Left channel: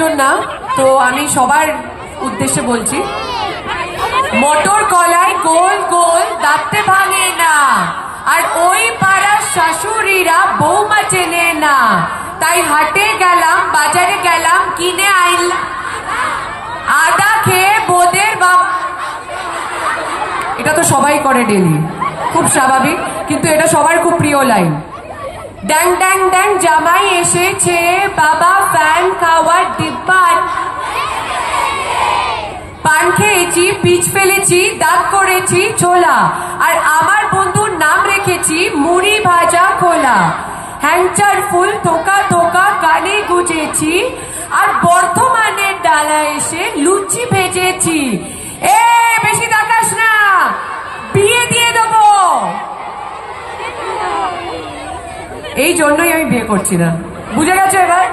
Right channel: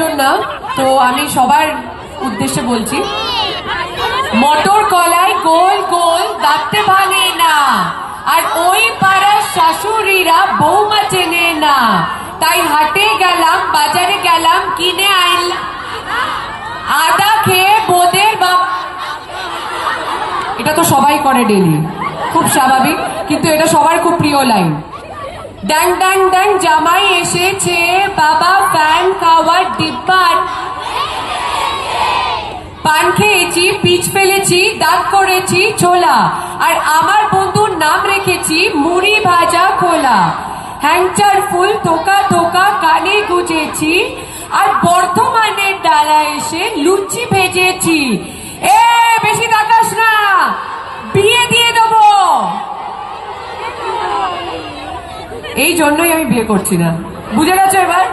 কয়েকজন না, তো আমি সবার উদ্দেশ্যে বলছি, মটর কলায় গোল গোল দাঁতে ভাঙে না, আর ওই পাড়ার শাশুড়িরা বৌমা চেনে না, তাই হাটে গেলাম বাজারে গেলাম কিনে আনলাম আদা খেয়ে বোদের বাবা। এটা তো সবাই করে ডেলি, খুব স্বাভাবিক, কিন্তু এটা সবার খুব প্রিয় লাইন। ড্যাং ড্যাং ড্যাং জামাই এসেছে, বাবা ফ্যান খাওয়ার ডিব্বা, পান খেয়েছি, পিচ ফেলেছি, দাঁত করেছি ছোলা, আর আমার বন্ধুর নাম রেখেছি মুড়ি ভাজা খোলা। হ্যাংচার ফুল থোকা থোকা কানে গুজেছি, আর বর্ধমানের ডালা এসে লুচি ভেজেছি। এ বেশি তাকাস না, বিয়ে দিয়ে দেবো। এই জন্যই আমি বিয়ে করছি না, বুঝে গেছো এবার?